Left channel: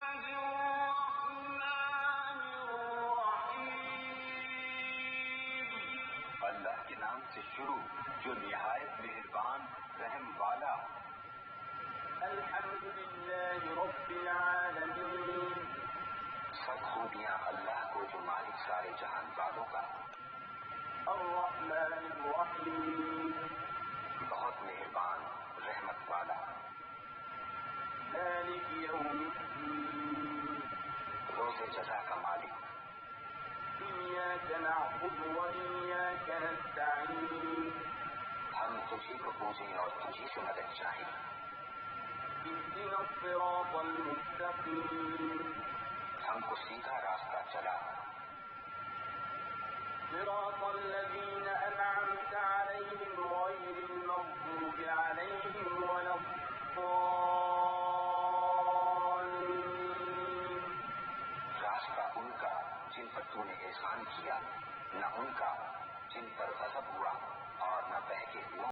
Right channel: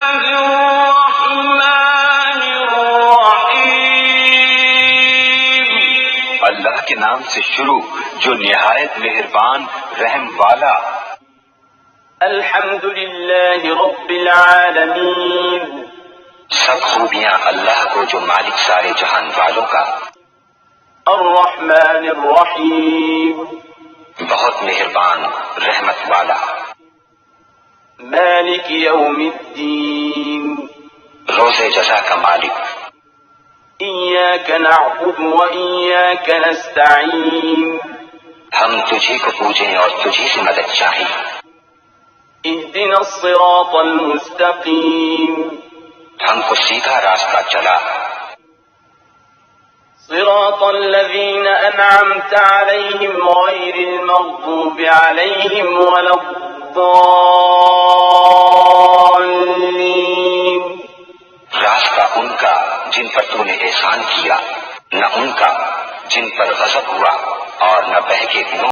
اللہ کے نام سے شروع جو نہایت مہربان رحم والا۔ الحمد للہ رب العالمین، سب خوبیاں اللہ کو جو مالک سارے جہان والوں کا۔ الرحمن الرحیم، بہت مہربان رحمت والا۔ مالک یوم الدین، روز جزا کا مالک۔ ایاک نعبد و ایاک نستعین، ہم تجھی کو پوجیں اور تجھی سے مدد چاہیں۔ اہدنا الصراط المستقیم، ہم کو سیدھا راستہ چلا۔ صراط الذین انعمت علیہم غیر المغضوب علیہم ولا الضالین، راستہ ان کا جن پر تو نے احسان کیا، نہ ان کا جن پر غضب ہوا اور نہ بہکے دلوں